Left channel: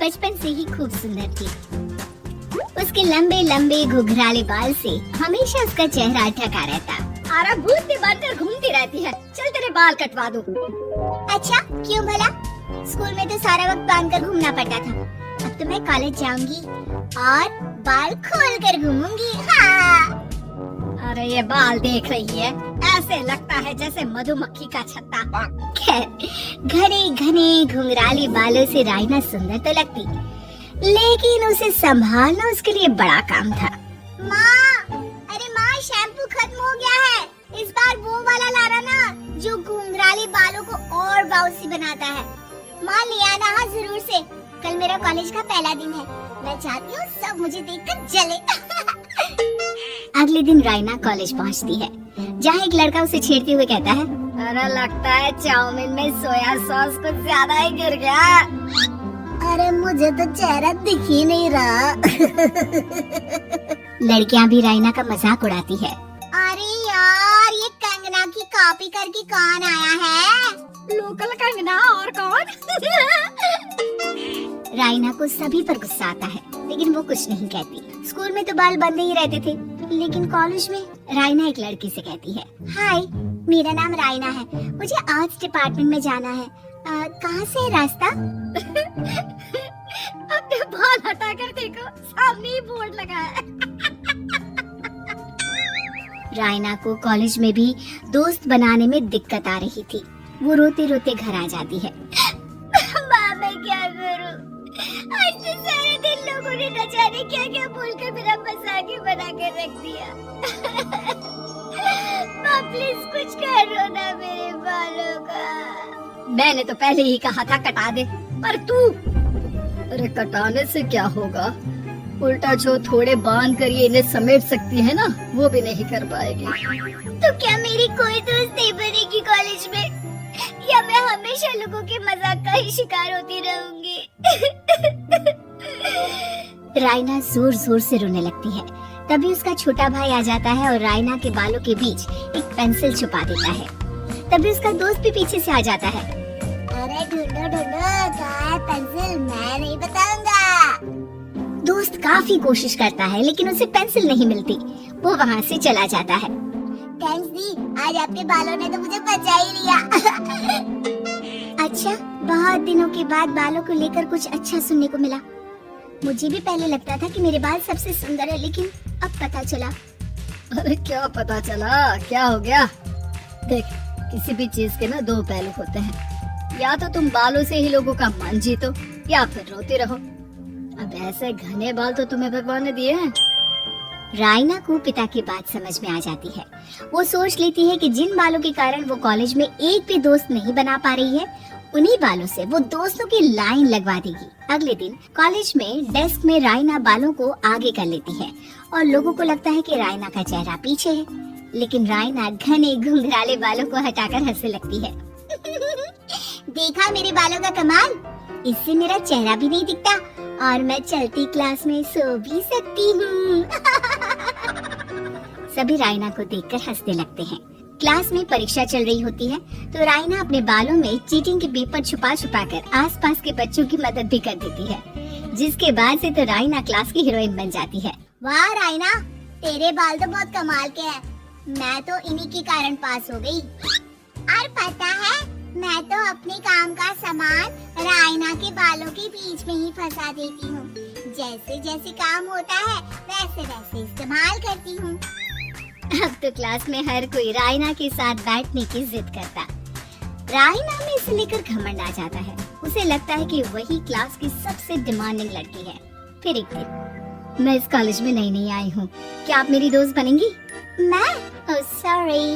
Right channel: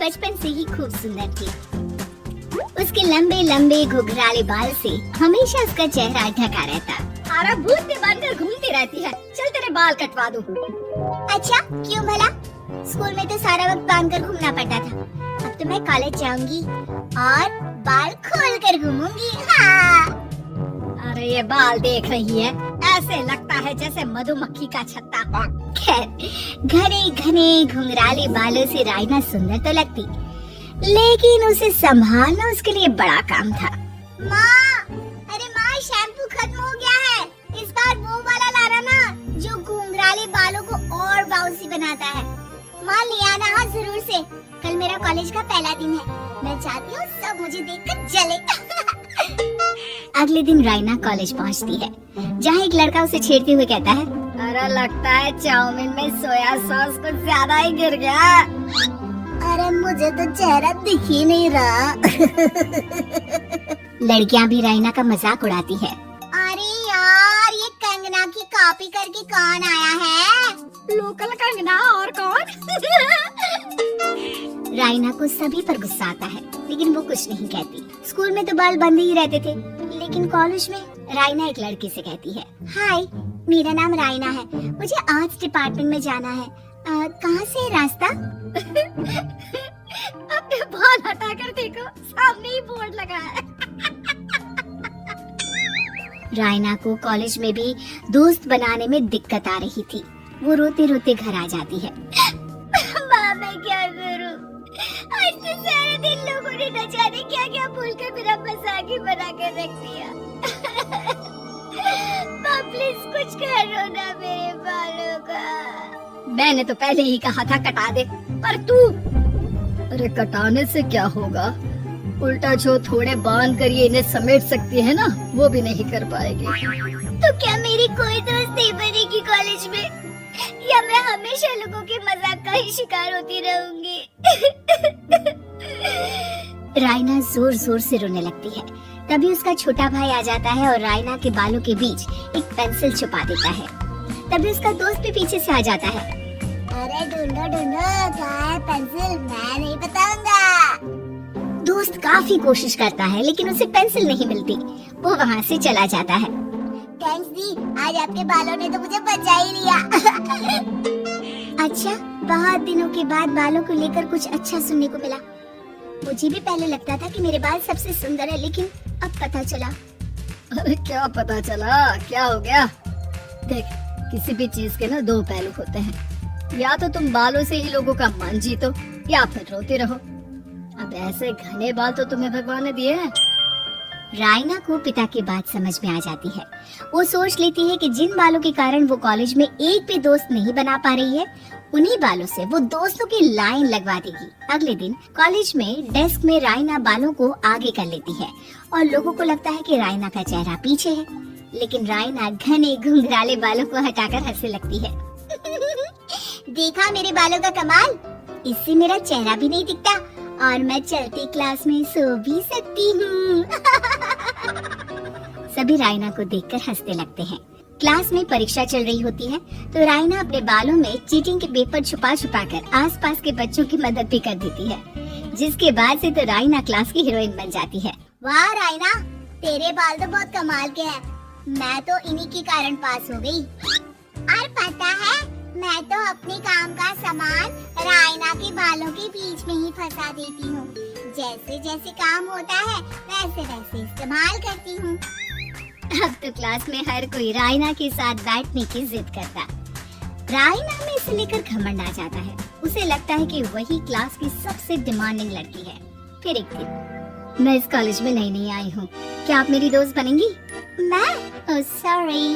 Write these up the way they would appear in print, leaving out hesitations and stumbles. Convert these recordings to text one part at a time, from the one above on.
बचपन से ही खूब सुंदर थी। उसके लंबे लंबे घुघराले बाल से हमेशा उसका चेहरा ढका रहता। अरे भूत भी बनकर घूमती रहती है, चल तेरे बाल कटवा दूं। अच्छा क्यों भला? स्कूल में तो सारा वक्त बांधकर घूमना पड़ता था। अब तो मैं कॉलेज जाऊंगी और बाल खोल कर घूमूंगी। हाँ। अरे ये बाल देख रही है, ऐसे लगता है जैसे मधुमक्खी का छत्ता। खैर, घने घने घुंघराले बालों से राइना सुंदर तो लगती, लेकिन उसे संभालना उसके लिए बड़ा काम था। माँ, अरे माँ, शैम्पू खत्म हो गया है। इस बार वो वाला लाना ना, जो घुंघराले बालों को और बाउंसी बनाता है। माँ ले आना हाँ जरूर से। कल मेरा कॉलेज का पहला दिन है। मैं चाहती हूँ सब मुझे देखकर जले। अगले दिन राइना कॉलेज पहुँचती है, जहाँ एक लड़का उसे छेड़ते हुए कहता है, अरे लगता है चाउमीन में सोया सॉस कुछ ज्यादा ही गिर गया। अरे मुझे तो चेहरा दिख ही नहीं रहा। लड़कियां भी राइना का मजाक उड़ाती है। अरे यार, ये कंगना की कॉपी करके कौन आया है? लोकल कंगना और कौन? राइना को सभी पर गुस्सा आता है, लेकिन वो कुछ नहीं कहती। स्कूल में तो बाल बंदे ही रहते थे, लेकिन कॉलेज में राइना एक लड़की से कहती है, हाय, मेरा नाम राइना है, मुझे आर्ट्स डिपार्टमेंट में जाना है। कहाँ से है रास्ता? अपने बाल हटा कर देखो, सामने ही बोर्ड लगा है। राइना को कॉलेज में भी दोस्त बनाने में दिक्कत आ रही थी। वो रोते रोते घर आ जाती है। माँ, मैं क्या करूं? आज तो सारा दिन लोगों ने न जाने क्या क्या बोलकर मेरा मजाक ही बना कर रख दिया। माँ प्लीज कुछ करो ना मेरे बालों का। मैंने तो पहले ही कहा था कटा दे, पर तू। अरे कटाने से क्या होगा, उल्टा जो थोड़े बांध कर ये इन्हें समेट सकती है ना, वो भी नहीं कर पाएगी। तो क्या मेरी कोई दोस्त नहीं बनेगी कॉलेज में, या मैं हमेशा लोगों के मजाक का ही शिकार होती रहूंगी? राइना जोर जोर से रोने लगती है। तभी उसका छोटा भाई आ जाता है और राइना के बालों के बीच एक पेंसिल छुपा देता है। तभी उसका दोस्त भी पीछे से आ जाता है। अरे ढूंढो ढूंढो, कहाँ है पेंसिल? मैं नहीं बताऊंगा। दोस्त काफी कोशिश करता है, लेकिन उसे पेंसिल नहीं मिलती। वो वहाँ से चला जाता है। थैंक्स दी, आज आपके बालों ने तो मुझे बचा ही लिया। अच्छा, बहुत दिनों के बाद बालों को लेकर कुछ अच्छा सुनने को मिला। मुझे भी पहले लगता था कि मेरे बाल सबसे सुंदर है, लेकिन अब पता चला। अरे क्या पता चला, क्या हो गया? देख, किसी भी चीज के ना दो पहलू होते हैं। या तो तुम बालों से ही लोगों का मन जीतो, या फिर रोते रहो। अब ऐसे घने बाल तो तुम्हें भगवान ने दिए हैं। राइना को पिता की बात समझ में आ जाती है। वो सोच लेती है कि जिन बालों के कारण वो कॉलेज में एक भी दोस्त नहीं बना पा रही है, उन्हीं बालों से वो दोस्तों की लाइन लगवा देगी। अगले दिन कॉलेज में डेस्क में राइना बालों को आगे कर लेती है और लोगों को लगता है कि राइना का चेहरा पीछे है, लेकिन राइना घने घुंघराले बालों को हटाकर हंसने लगती है। देखा मेरे बालों का कमाल, इससे मेरा चेहरा भी नहीं दिखता और मैं चलती क्लास में सो भी सकती हूँ। सभी राइना को देखकर हंसने लगते हैं। क्लास में परीक्षा चल रही होती है, तो राइना अपने बालों में चीटिंग के पेपर छुपा छुपा कर आसपास के बच्चों की मदद भी कर देती है, जिसके बाद से तो राइना क्लास की हीरोइन बन जाती है। वाह राइना, तेरे बाल तो बहुत कमाल के हैं। मैं तो इन्हीं के कारण पास हो गई। और पता है, मैं तो अपने काम का सामान राइना के बालों के बीच में ही फंसा देती हूँ। जैसे जैसे काम होता है वैसे वैसे इस्तेमाल करती हूँ। अब तो क्लास में हर कोई राइना के साथ बैठने की जिद करता। राइना में इसे लेकर घमंड आ जाता है। उसे लगता है कि वही क्लास की सबसे डिमांडिंग लड़की है। फिर एक दिन, मैं इस कॉलेज में नई नई आई हूँ, क्या आप मेरी दोस्त बनेंगी? मैं? ओह सॉरी,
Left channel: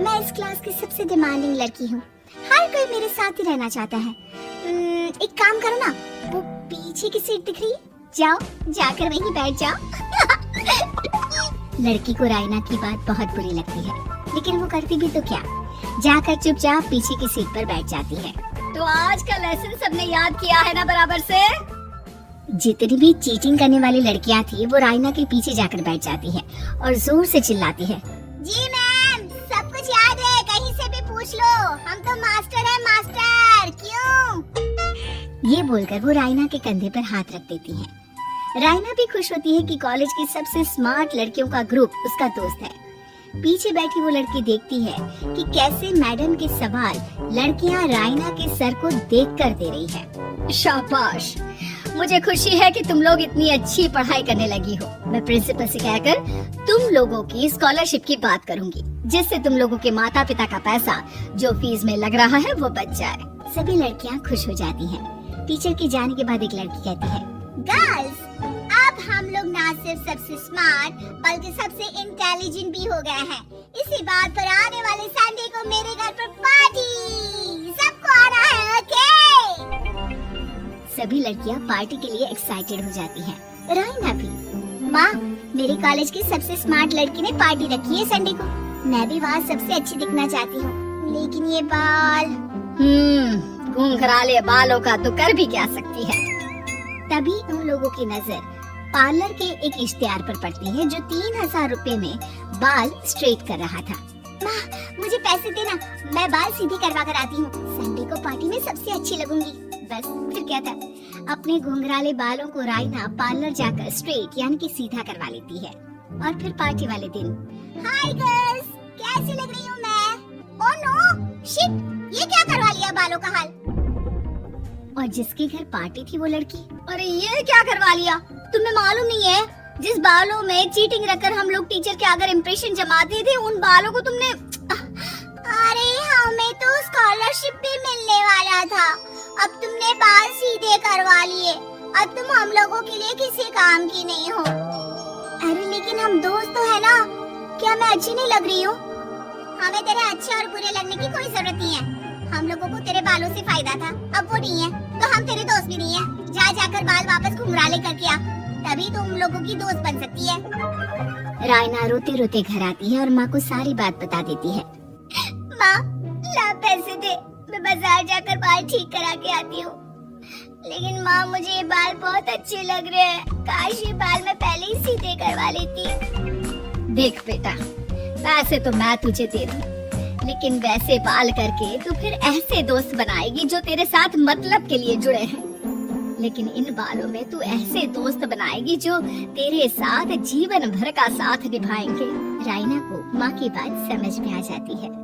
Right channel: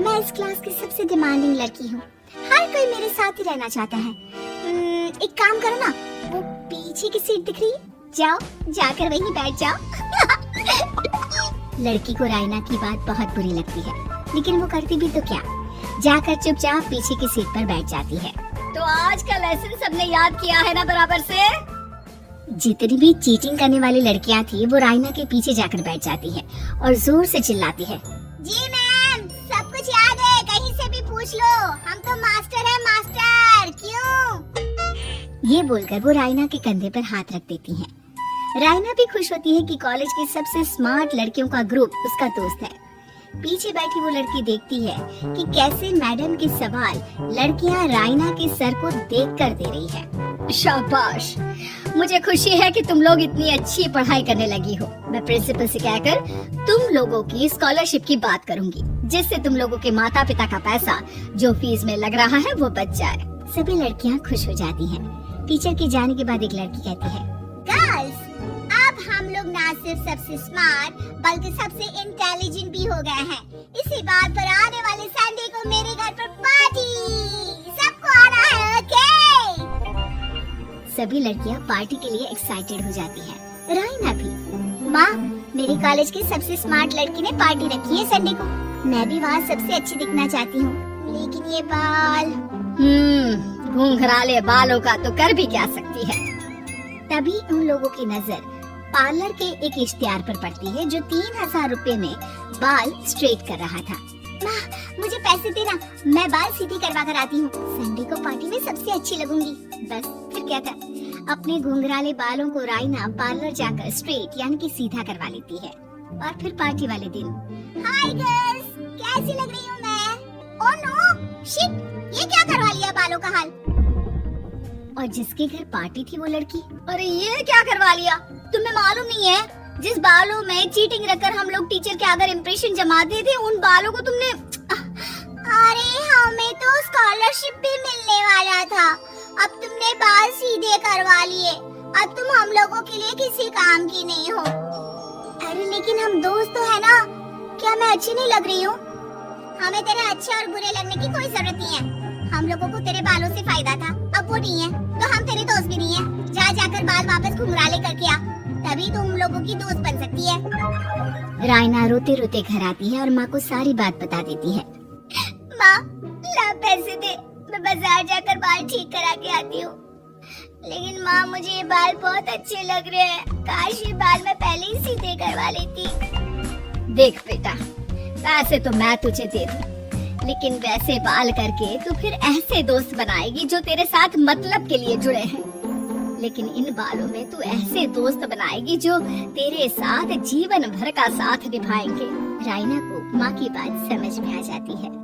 मैं इस क्लास की सबसे डिमांडिंग लड़की हूँ। हर कोई मेरे साथ ही रहना चाहता है। एक काम करो ना, वो पीछे की सीट दिख रही है, जाओ जाकर वहीं बैठ जाओ। लड़की को राइना की बात बहुत बुरी लगती है, लेकिन वो करती भी तो क्या, जाकर चुपचाप पीछे की सीट पर बैठ जाती है। तो आज का लेसन सबने याद किया है ना बराबर से? जितनी भी चीटिंग करने वाली लड़कियां थी, वो राइना के पीछे जाकर बैठ जाती है और जोर से चिल्लाती है, जी मैम, सब कुछ याद है, कहीं से भी पूछ लो, हम तो मास्टर हैं, मास्टर। क्यों? ये बोलकर वो रायना के कंधे पर हाथ रख देती है। रायना भी खुश होती है कि कॉलेज की सबसे स्मार्ट लड़कियों का ग्रुप उसका दोस्त है। पीछे बैठी वो लड़की देखती है कि कैसे मैडम के सवाल लड़कियां रायना के सर को देखकर दे रही है। शाबाश, मुझे खुशी है कि तुम लोग इतनी अच्छी पढ़ाई करने लगी हो। मैं प्रिंसिपल से कहकर तुम लोगों की स्कॉलरशिप की बात करूंगी, जिससे तुम लोगों के माता पिता का पैसा जो फीस में लग रहा है वो बच जाए। सभी लड़कियां खुश हो जाती हैं। टीचर के जाने के बाद एक लड़की कहती है, गर्ल्स, अब हम लोग ना सिर्फ सबसे स्मार्ट बल्कि सबसे इंटेलिजेंट भी हो गए हैं। इसी बात पर आने वाले संडे को मेरे घर पर पार्टी, सबको आना है, ओके? सभी लड़कियां पार्टी के लिए एक्साइटेड हो जाती हैं। रायना भी। माँ, मेरे कॉलेज की सबसे स्मार्ट लड़की ने पार्टी रखी है संडे को। मैं भी वहाँ सबसे अच्छी दिखना चाहती हूँ, लेकिन ये बाल। घुंघराले बालों का तो कर भी क्या सकती है। तभी उन लोगों की नजर पार्लर के एक इश्तिहार पर पड़ती है जो 3000 रुपए में बाल स्ट्रेट कर रहा था। मुझे पैसे देना, मैं बाल सीधे करवा कर आती हूँ। संडे को पार्टी में सबसे अच्छी लगूंगी। बस फिर क्या था, अपने घुंघराले बालों को रायना पार्लर जाकर स्ट्रेट यानी कि सीधा करवा लेती है। और फिर पार्टी वाले दिन, हाय गर्ल्स, कैसी लग रही हूँ मैं? ओह नो, शिट, ये क्या करवा लिया बालों का हाल? और जिसके घर पार्टी थी वो लड़की, अरे ये क्या करवा लिया? तुम्हें मालूम नहीं है, जिस बालों में चीटिंग रखकर हम लोग टीचर के अगर इम्प्रेशन जमाते थे, उन बालों को तुमने। अरे हमें तो स्कॉलरशिप भी मिलने वाला था, अब तुमने बाल सीधे करवा लिए। अब तुम हम लोगों के लिए किसी काम की नहीं हो। अरे लेकिन हम दोस्त तो है ना, क्या मैं अच्छी नहीं लग रही हूँ? हमें तेरे अच्छे और बुरे लगने की कोई जरूरत नहीं है। हम लोगों को तेरे बालों से फायदा था, अब वो नहीं है तो हम तेरे दोस्त भी नहीं है। जा जाकर बाल वापस घुंघराले करके आ, तभी तो हम लोगों की दोस्त बन सकती है। रायना रोते रोते घर आती है और माँ को सारी बात बता देती है। माँ, ला पैसे दे, मैं बाजार जाकर बाल ठीक करा के आती हूँ। लेकिन माँ, मुझे ये बाल बहुत अच्छे लग रहे हैं, काश ये बाल मैं पहले ही सीधे करवा लेती। देख बेटा, पैसे तो मैं तुझे दे दूँ, लेकिन वैसे बाल करके तो फिर ऐसे दोस्त बनाएगी जो तेरे साथ मतलब के लिए जुड़े हैं। लेकिन इन बालों में तू ऐसे दोस्त बनाएगी जो तेरे साथ जीवन भर का साथ निभाएंगे। रायना को माँ की बात समझ में आ जाती है।